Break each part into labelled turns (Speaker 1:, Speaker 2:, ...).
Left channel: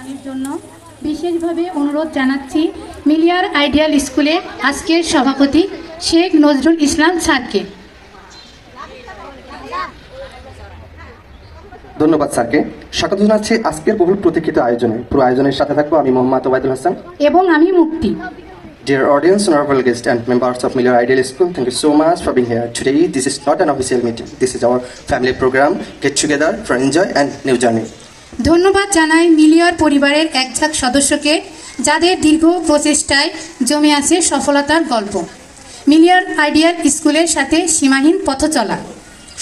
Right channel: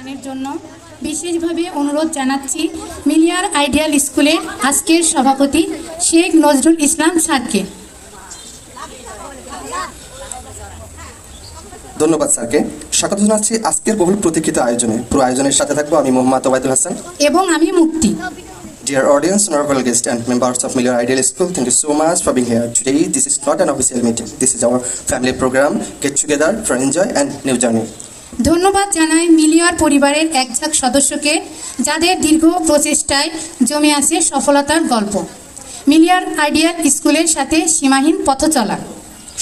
Speaker 1: দানের জন্য বিশেষভাবে অনুরোধ জানাচ্ছি মিলিয়ার আইডিয়াল স্কুলের আজকের সভাপতি শেখ নজরুল ইসলাম স্যারকে
Speaker 2: ধন্যবাদ স্যারকে স্বাগত জানাচ্ছি আজকের বহুল প্রতীক্ষিত আয়োজনে পুরো আয়োজনের সাথে থাকব আমি মোহাম্মদ ওবায়দুল হাসান
Speaker 1: এবং আমি মুক্তি
Speaker 2: Dear audience, honorable guests, and members of Miller Ideal School, thank you so much for being here. Today, this is not an official meeting. This is our family program. Get together for enjoy and new journey.
Speaker 1: ধন্যবাদ জানাই মিলিয়ার পরিবারের একঝাক সদস্যকে, যাদের দীর্ঘ প্রচেষ্টায় জমে আছে সফলতার গল্প। মিলিয়ার আইডিয়াল স্কুলের সাথে সীমাহীন পথ চলা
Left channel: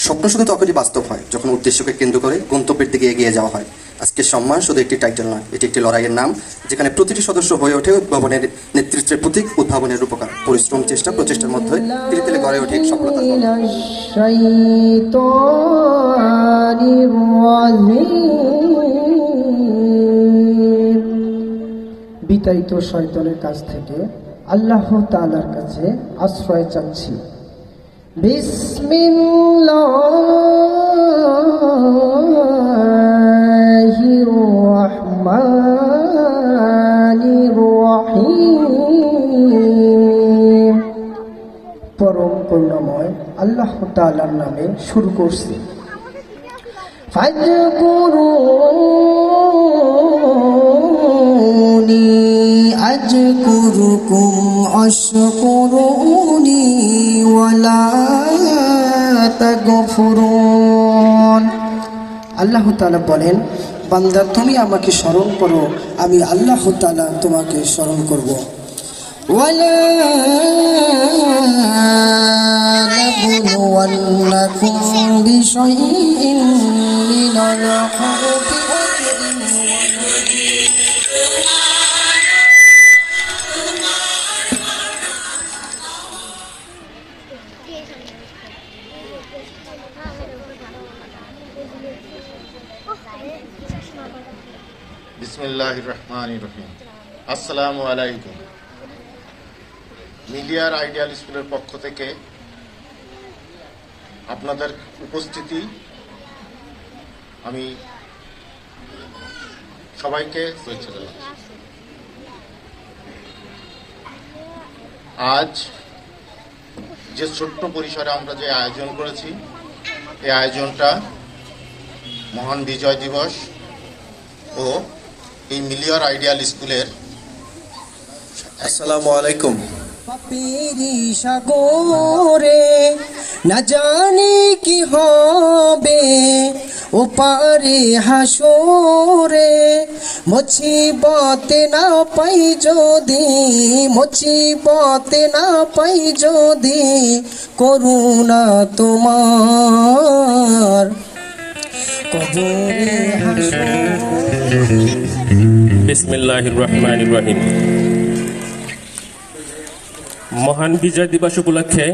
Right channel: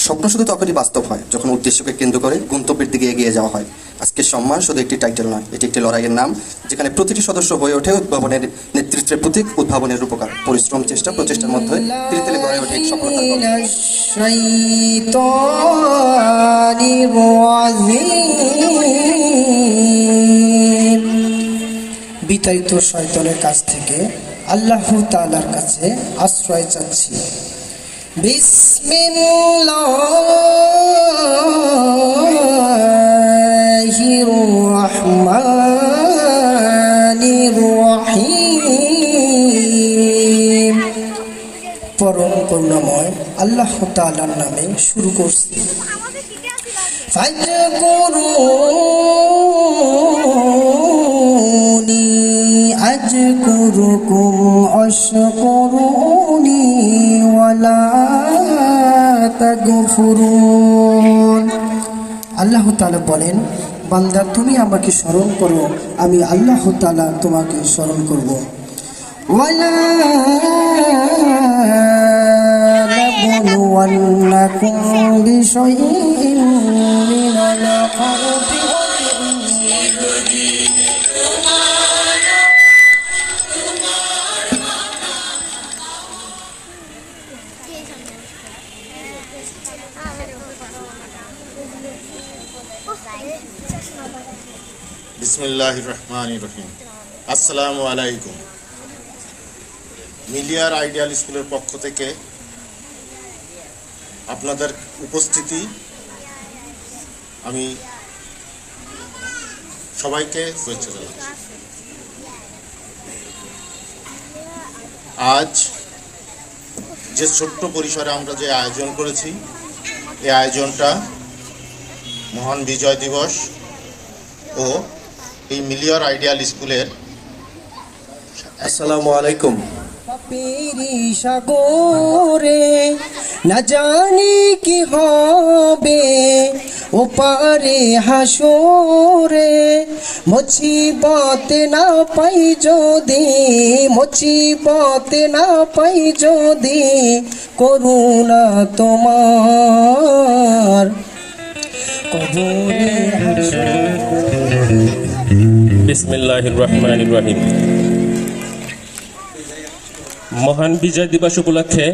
Speaker 2: স্বপ্ন শুধু তখনই বাস্তব হয়, যখন উদ্দেশ্যকে কেন্দ্র করে গন্তব্যের দিকে এগিয়ে যাওয়া হয়। আজকের সম্মান শুধু একটি টাইটেল নয়, এটি একটি লড়াইয়ের নাম, যেখানে প্রতিটি সদস্য হয়ে ওঠে উদ্ভাবনের নেতৃত্বের প্রতীক, উদ্ভাবনের উপকার পরিশ্রম, চেষ্টা, প্রচেষ্টার মধ্যে ধীরে ধীরে গড়ে ওঠে
Speaker 3: বিতাড়িত শয়তানের কাছ থেকে আল্লাহ তালার কাছে আশ্রয় চাচ্ছি। বিসমিল্লাহ। আল্লাহ তালার নামে শুরু করছি। আজ করু অশকুরুনি ওয়ালা তাগফুরুন। আল্লাহ তালা বলেন বান্দা তুমি আমাকে স্মরণ করো আমি আল্লাহ তালা তোমাকে স্মরণ করব। ওয়ালা نبلونكم بشيء من الخوف
Speaker 4: বিসমুল্লাহ রহমান রহিম আসসালামু আলাইকুম মিলিয়ার আইডিয়াল স্কুলের পক্ষ থেকে আপনাদের উপস্থিতি আমি সবাইকে শুভেচ্ছা জানাচ্ছি। আজ যে ছোট্ট পরিসরে আমরা যে আয়োজন করেছি এই আয়োজনটা মহান বিজয় দিবস ও এই মিলিয়র আইডিয়াল স্কুলের
Speaker 2: আসসালামু আলাইকুম।
Speaker 3: সাগরে না জানি কি হবে। ওপারে হাসরে মুছিবতে না পাই যদি মুছিবতে না পাই যদি করুণা তোমার।
Speaker 5: মহান বিজয় দিবস উপলক্ষে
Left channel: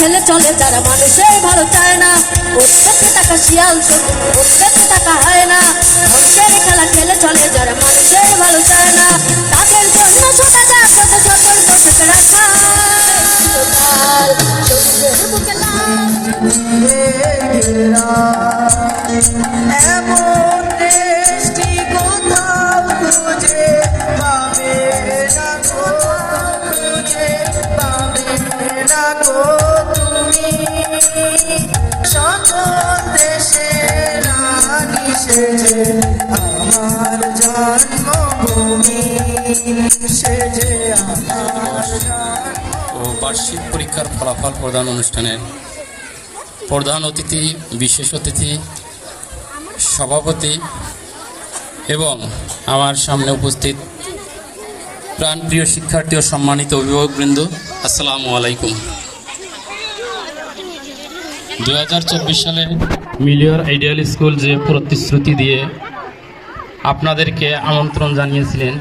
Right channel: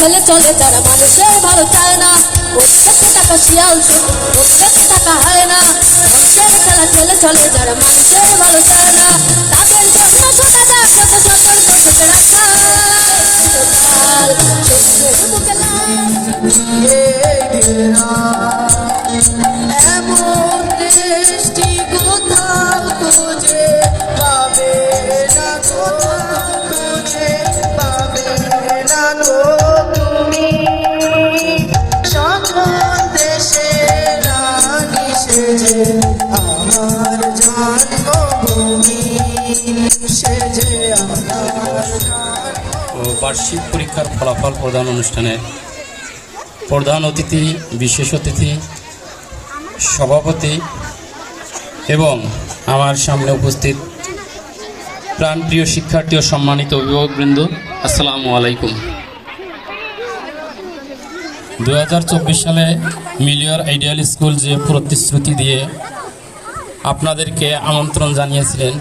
Speaker 6: খেলা চলে তারা মানুষের ভালো চায় না। প্রত্যেক টাকা শিয়াল প্রত্যেক টাকা হয় না। ধ্বংসের খেলা খেলে চলে যারা মানুষের ভালো চায় না। তাদের জন্য ছোটা যাক যত সকল থেকে রাখা
Speaker 3: আমার জন্মভূমি
Speaker 7: বার্ষিক পরীক্ষার ফলাফল প্রদান অনুষ্ঠানের প্রধান অতিথি, বিশেষ অতিথি, সভাপতি এবং আমার সামনে উপস্থিত প্রাণপ্রিয় শিক্ষার্থী ও সম্মানিত অভিভাবকবৃন্দ, আসসালামু আলাইকুম। দু হাজার চব্বিশ সালে মিলিয়র আইডিয়াল স্কুল যে প্রতিশ্রুতি দিয়ে আপনাদেরকে আমন্ত্রণ জানিয়েছিলেন.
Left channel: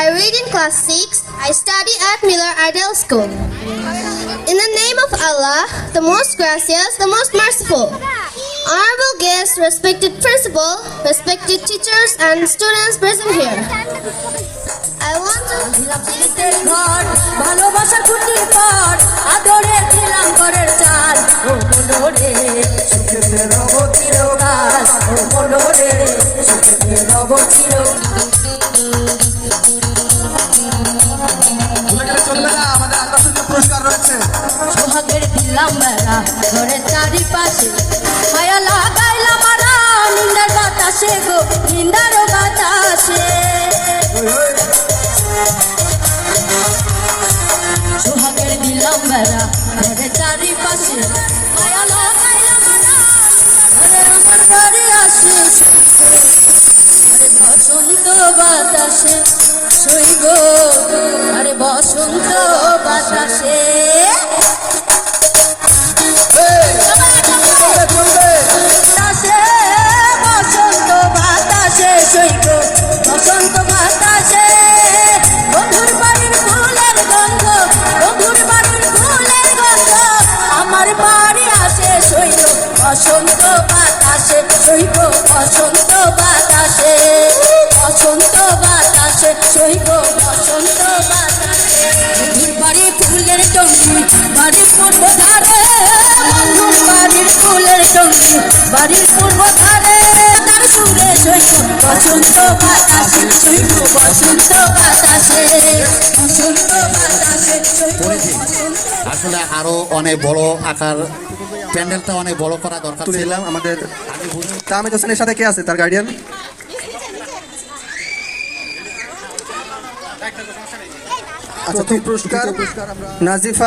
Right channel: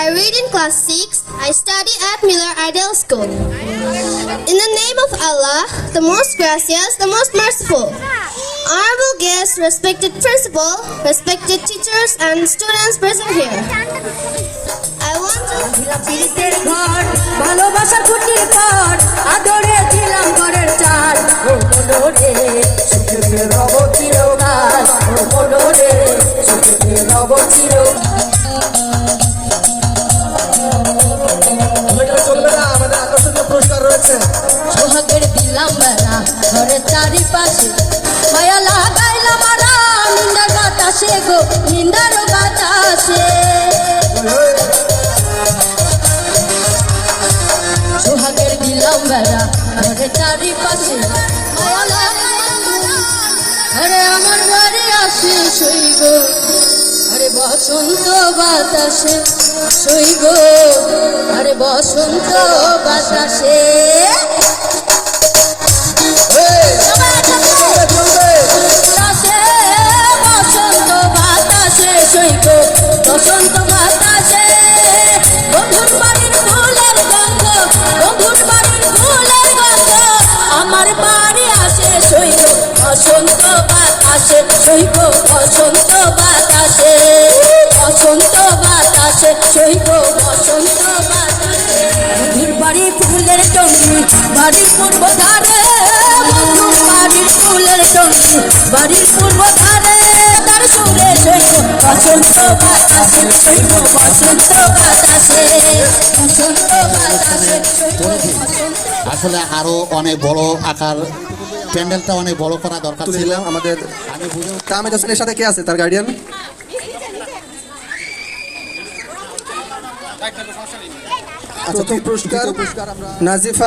Speaker 8: I read in class 6. I study at Miller Ideal School. In the name of Allah, the most gracious, the most merciful. Honorable guests, respected principal, respected teachers and students present here. I want to
Speaker 6: প্রীতির ঘর ভালোবাসা ফুটির পর আদরে দিলাম ঘরের চাল। ও মনোরে সুখে রব চিরকাল। ও মনোরে সুখে রব চিরকাল।
Speaker 3: চলবে না আমাদের আকর্ষণীয় পুরস্কার রয়েছে।
Speaker 6: সোহাগের দিলাম মারা ঘরের চারিপাশে। মায়া লাগাইলাম মারা নিন্দার বাতাসে গো নিন্দার বাড়ি আসে শৈব আরে বসন্ত বাতাসে শৈব আরে বসন্ত বাতাসে বাতাসে, ফুলের বাড়ির পূর্ব ধারে তার সুরে শৈব বসন্ত বাতাসে শৈব বসন্ত বাতাসে বসন্ত বাতাসে
Speaker 9: আসলে আরও অনেক বড় আকার প্যান্ডেলটা অনেক বড় করা দরকার ছিল।
Speaker 2: আমাদের। কামেদ হোসেনের সাথে কে আছে? তার গার্ডিয়ান আচ্ছা তুমি পুরস্কার? নাজিফা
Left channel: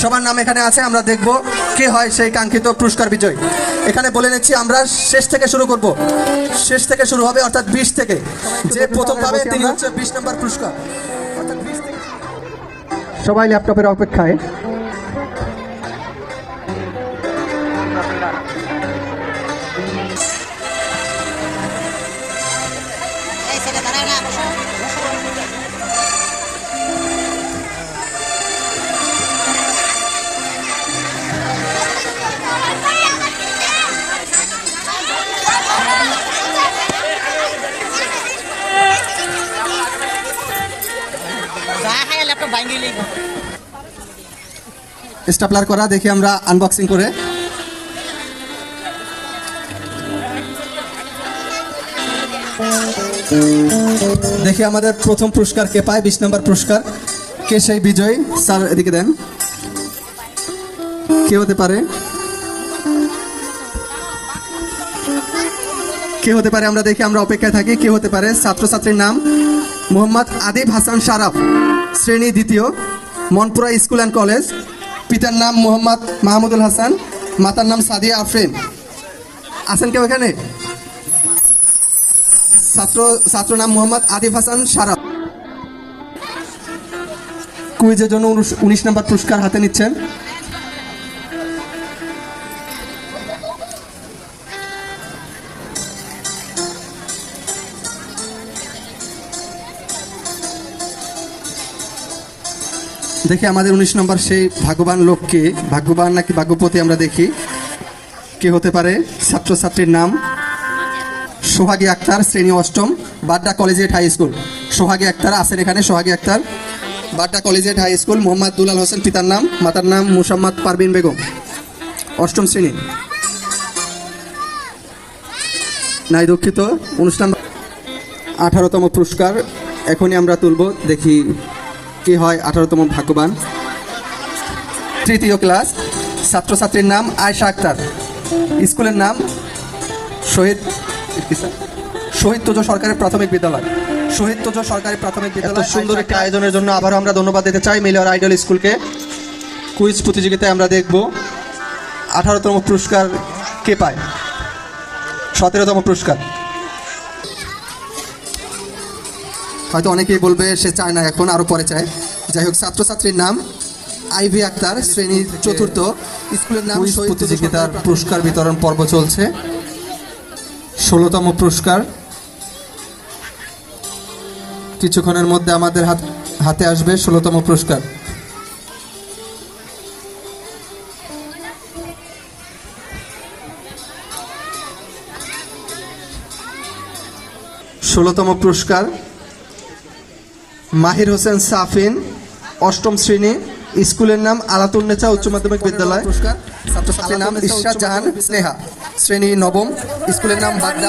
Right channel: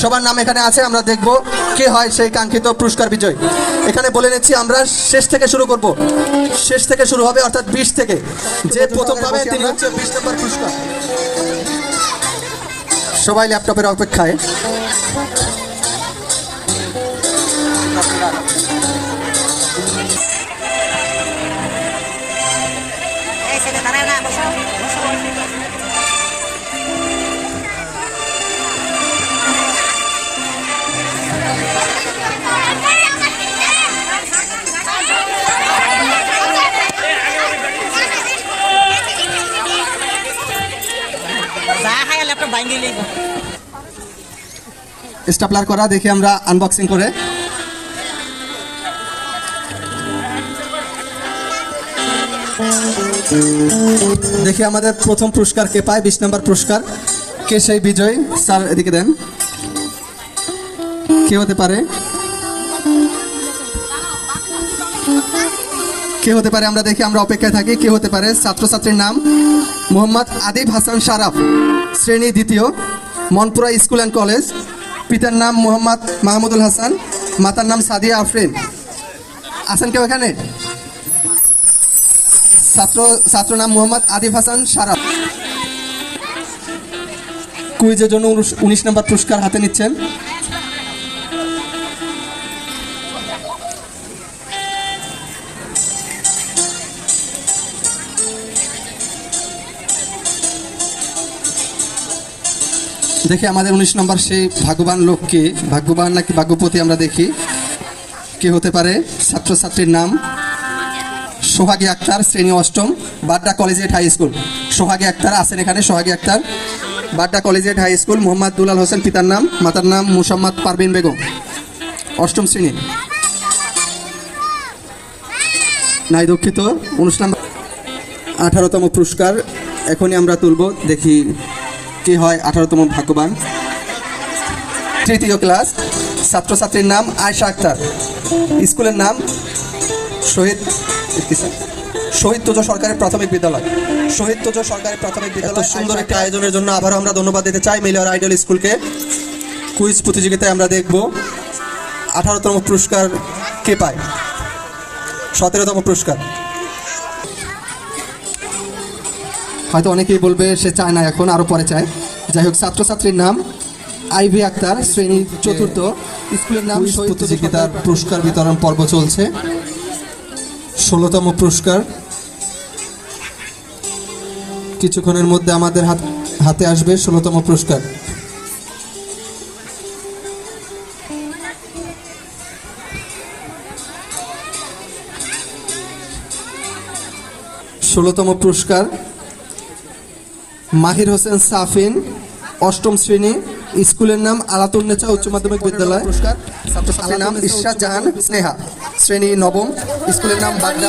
Speaker 2: সবার নাম এখানে আছে, আমরা দেখব কে হয় সেই কাঙ্ক্ষিত পুরস্কার বিজয়। এখানে বলে নিচ্ছি, আমরা শেষ থেকে শুরু করব। শেষ থেকে শুরু হবে, অর্থাৎ বিশ থেকে। যে প্রথম পাবে, তিনি হচ্ছে বিশ নম্বর পুরস্কার। সবাই ল্যাপটপের অপেক্ষায়। স্টাপলার করা, দেখি আমরা আনবক্সিং করে। দেখি আমাদের প্রথম পুরস্কার কে পায়, বিশ নম্বর পুরস্কার। কে সেই বিজয়? স্যার, এদিকে দেন। কে হতে পারে? কে হতে পারে? আমরা দেখি, আমরা অপেক্ষায় থাকি। কে হতে পারে? ছাত্রছাত্রীর নাম মোহাম্মদ আদিব হাসান শারাফ। শ্রেণি দ্বিতীয়, মনপুরা স্কুল অ্যান্ড কলেজ পিতার নাম মোহাম্মদ মাহমুদুল হাসান, মাতার নাম সাদিয়া আফরিন। আছেন কেউ এখানে? ছাত্র ছাত্র নাম মোহাম্মদ আদিফ হাসান সারাফ কুইজের জন্য উনিশ নম্বর পুরস্কার হাতে নিচ্ছেন। দেখি আমাদের উনিশ নম্বর সেই ভাগ্যবান লোককে, ভাগ্যবান নাকি ভাগ্যপতি আমরা দেখি। কে হতে পারে? ছাত্রছাত্রীর নাম সোহাগী আক্তার, শ্রেণি অষ্টম, Badda collegiate high school. Sohagi Akter আছেন এখানে, Sohagi Akter. Badda collegiate high school, Mohammad Dulal Hossain, পিতার নাম, মাতার নাম মুসাম্মদ পারবিন বেগম। অষ্টম শ্রেণি। নাই দুঃখিত অনুষ্ঠান আঠারোতম পুরস্কার, এখনই আমরা তুলব, দেখি। কি হয় আঠারোতম ভাগ্যবান। তৃতীয় ক্লাস ছাত্রছাত্রীর নাম আয়শা আক্তার। স্কুলের নাম শহীদ শহীদ তোজ সরকারের প্রাথমিক বিদ্যালয়। শহীদ তোজ সরকারের প্রাথমিক বিদ্যালয় সুন্দর একটি আয়োজনের জন্য আবারও আমরা ধন্যবাদ দিতে চাই মিলিয়র আইডল স্কুলকে। কুইজ প্রতিযোগিতায় আমরা দেখব আঠারোতম পুরস্কার কে পায়। সতেরোতম পুরস্কার। হয়তো অনেকেই বলবে সে চায় না এখন আরও পরে চায়। যাই হোক ছাত্রছাত্রীর নাম আইভি আক্তার শ্রেণি চতুর্থ। স্কুলের নাম প্রতিযোগিতার পুরস্কার বিতরণ পর্ব চলছে। ষোলোতম পুরস্কার। কিছুক্ষণের মধ্যে আমাদের হাত হাতে আসবে ষোলোতম পুরস্কার। ষোলোতম পুরস্কার মাহির হোসেন সাফিন, অষ্টম শ্রেণি, স্কুলের নাম আলাতুন্নেচা উচ্চ মাধ্যমিক বিদ্যালয়। ছাত্রছাত্রীর নাম ঈশা জাহান, স্নেহা। শ্রেণি নবম, স্কুলের নাম বাগদা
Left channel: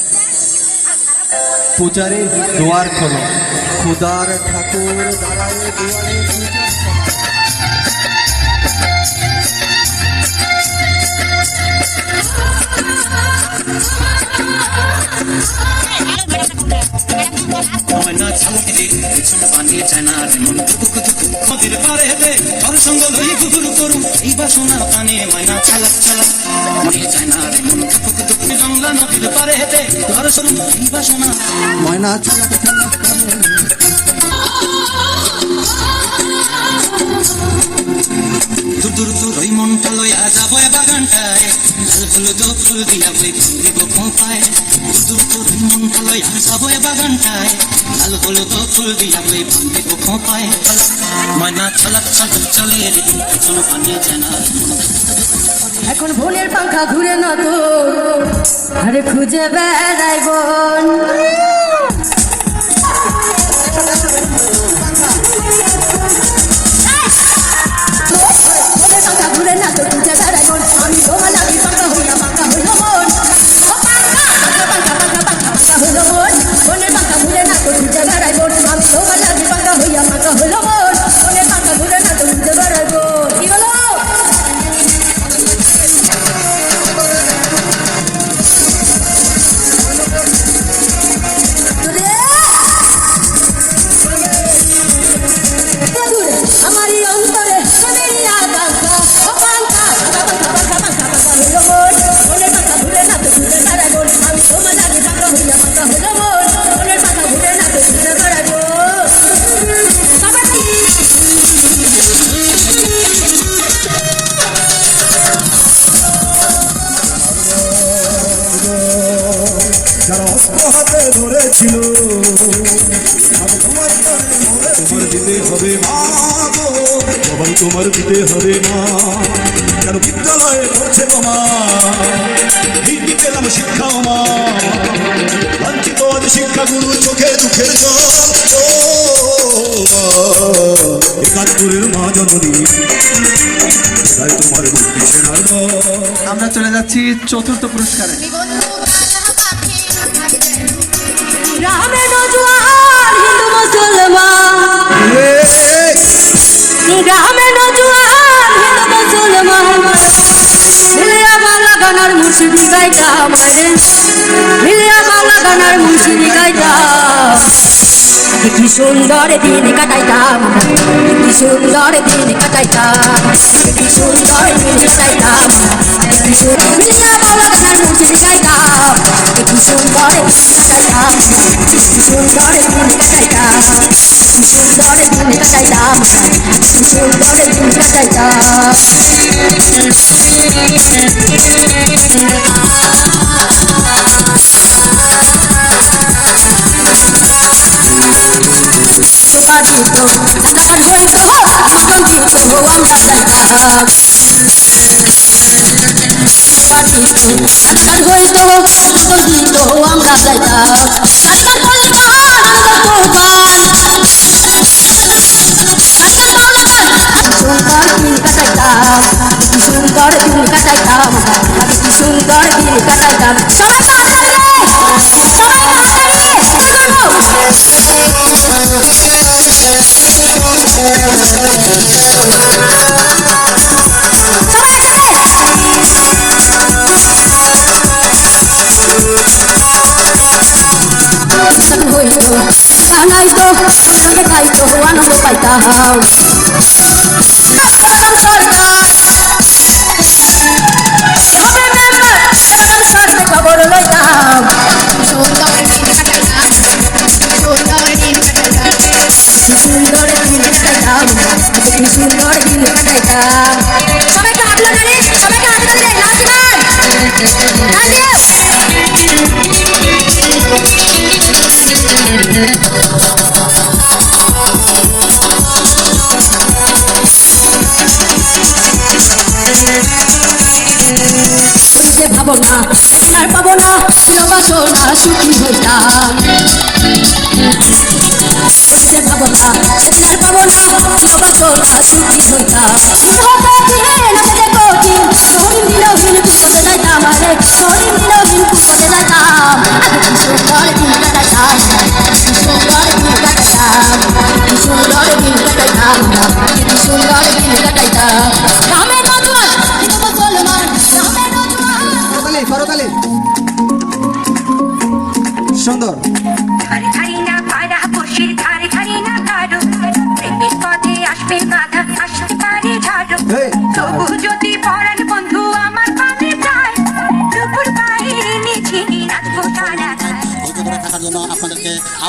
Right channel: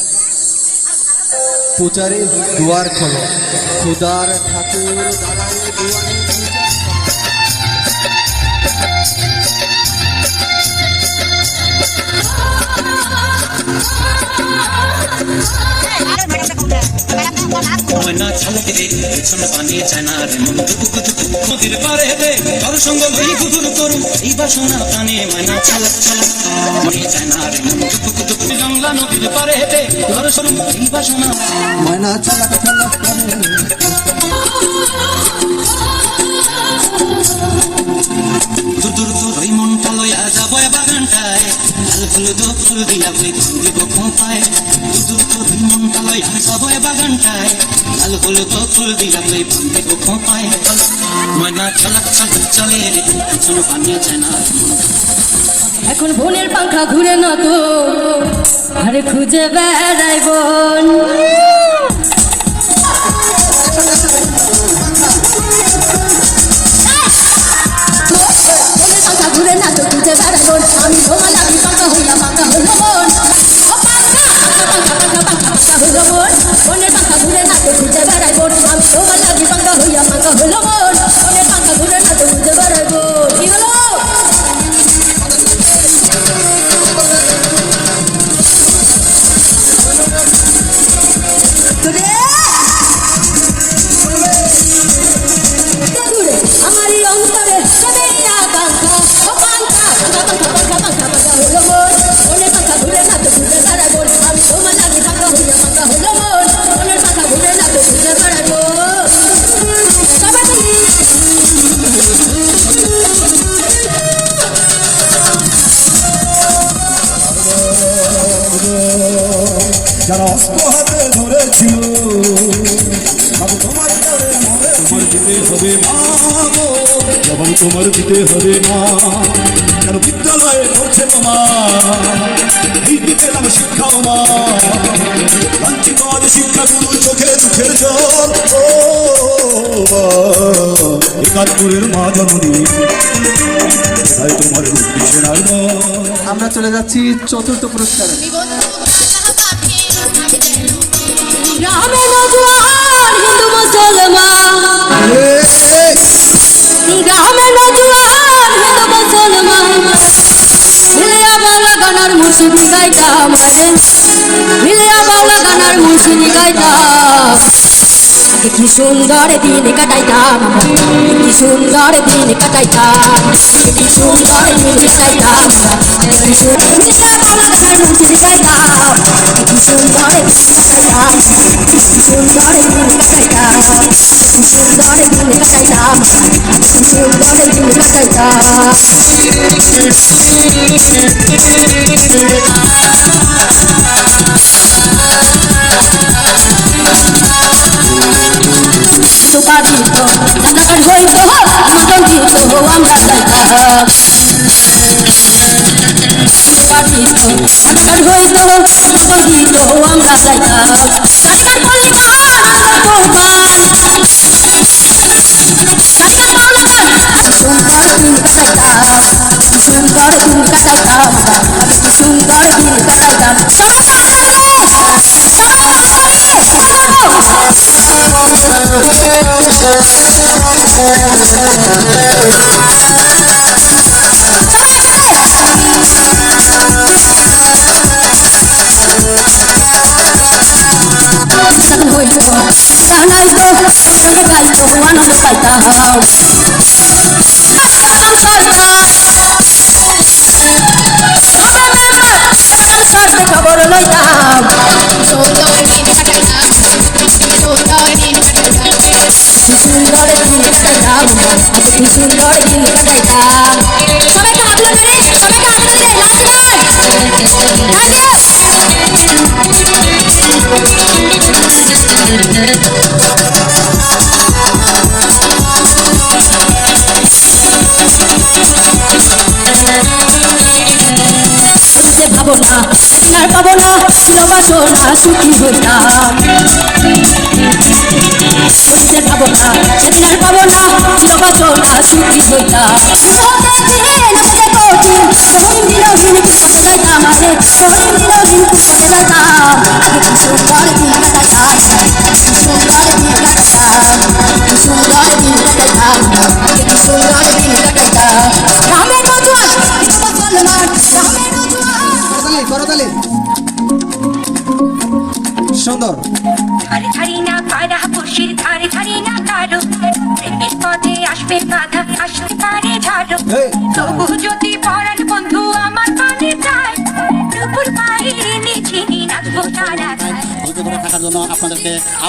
Speaker 2: পূজারি দুয়ার খোলো খুদার ঠাকুর পূজা
Speaker 10: ময়না ঝালকে পেছন মন মনে মন নদীর পারে হেঁটে এই বাসনা
Speaker 2: ময়না চালাক চালাক করে
Speaker 10: দূর দূর দূর ওই মন তলয় আজ আবয় বাগানটায় হলুদ ফুল দিয়া বই দিব ফোঁটায় দূর দূর দূর মন তলয় আজ আবয় বাগানটায় ফুল দিব ময়না চালাক চালাক চলে রে পেছন পানিয়ে ছানার
Speaker 6: এখন বোনের পাখা ঘুরে না তো। আরে খুঁজে বেড়াই বোন।
Speaker 11: হবে না গো, জবাব তোমার দিতে হবে না কেন বিদ্যালয়ে পড়ছে মামা? দিকে আমি শিক্ষা মামা। বঞ্চিত আজ শিক্ষা গুরু চোখে চোখের জল। ও মা, একাত্তরের মা জননী। তাই তোমার মুক্তি
Speaker 2: আমরা চলে যাচ্ছি চতুর্থ পুরস্কারে।
Speaker 6: মুর্শিদি গাইটা মারে মিলিয়া বাংলা গানার মুর্শিদি গাইটা কি সুন্দর দিন কাটাইতাম কি সুন্দর দিন কাটাইতাম কি সুন্দর দিন কাটাইতাম কি সুন্দর মিয়া বাবা গাই মুর্শিদ গাইতাম কি সুন্দর দিন কাটাইতাম কি সুন্দর দিন কাটাইতাম কি সুন্দর দিন কাটাইতাম কি সুন্দর দিন কাটাইতাম বাসনা সুখী হইতাম যে ভাবো না সেদিন আর পাবো না ছিল বাসনা সুখী হইতাম ইহতে দিন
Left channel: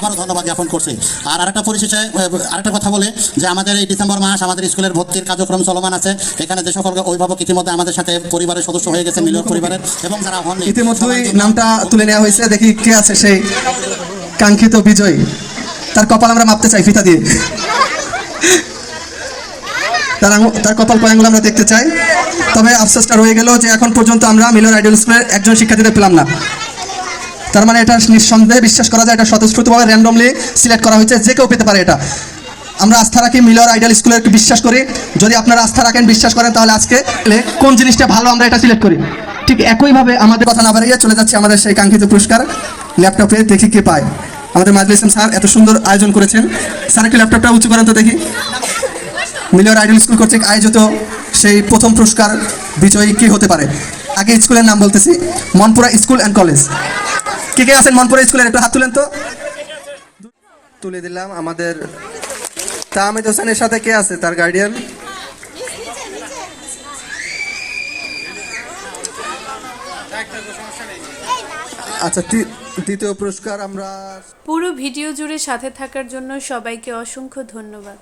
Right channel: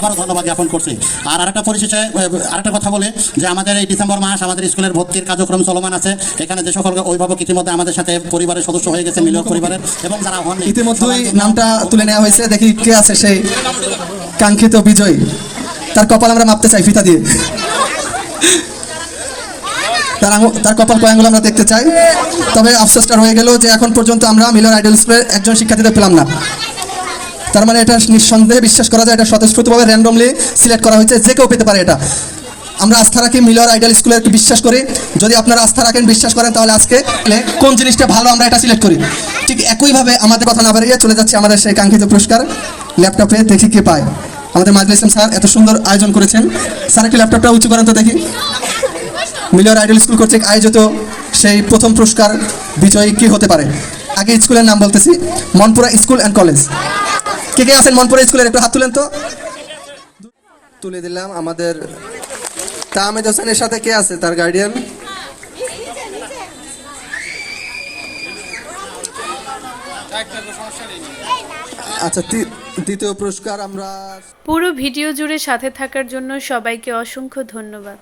Speaker 9: আপনাদেরকে আবার ধন্যবাদ জ্ঞাপন করছি। আর আরেকটা পরিশেষে আরেকটা কথা বলি যে আমাদের এই ডিসেম্বর মাস আমাদের স্কুলের ভর্তির কার্যক্রম চলমান আছে। এখানে যে সকল অভিভাবক ইতিমধ্যে আমাদের সাথে পরিবারের সদস্য হয়ে গেছে মিলর পরিবারের এবং যারা হন
Speaker 2: ইতিমধ্যেই নামটা তুলে নেওয়া হয়েছে। দেখি কে আছে সেই কাঙ্ক্ষিত বিজয়ী। তার কপাল আমরা মাপতে চাই ফিতা দিয়ে। তার তার কপাল কয়েকগুলো আমরা দেখতে চাই। তবে আফসোসটা রয়ে গেল যে এখন পর্যন্ত আমরা মিলন আইডল স্কুলের একজন শিক্ষার্থীদের পেলাম না। তার মানে এটা নিঃসন্দেহে বিশ্বাস করা যায়, এটা স্বতঃস্ফূর্তভাবে র্যান্ডমলি সিলেক্ট করা হয়েছে, যে কেউ পেতে পারে এটা। আমরা আস্থা রাখি মিলর আইডল একটু বিশ্বাস করি। যদি আপনারা আস্থা রাখেন, বিশ্বাস করেন, তাহলে আজকে কোন জিনিসটা ভালো আমরা এটা সিলেক্ট করি। ঠিক একইভাবে আমাদের কথা না বাড়িয়ে চলে যাচ্ছে আমাদের সেই কাঙ্ক্ষিত পুরস্কার, ল্যাপটপে দেখি কে পায়। আমাদের মাজলি ইসলাম স্যার এত সুন্দর আয়োজন করেছেন। স্যার, একটু ল্যাপটপটা উঁচু করেন তো দেখি। মিলর আইডল স্কুল কর্তৃক আয়োজিত সেই প্রথম পুরস্কার বিজয়ী কি হতে পারে? আগে স্কুলের নাম বলতেছি, মনপুরা স্কুল অ্যান্ড কলেজ কে কে আছেন মনপুরা স্কুলের? একটু হাত তুলেন তো। তুলে দিলাম আমাদের তাহমেদ হোসেনের সাথে কে আছে? তার গার্ডিয়ান আচ্ছা দ্বিতীয় পুরস্কার আমরা
Speaker 12: পুরো ভিডিও জুড়ে সাথে থাকার জন্য সবাইকে অসংখ্য ধন্যবাদ।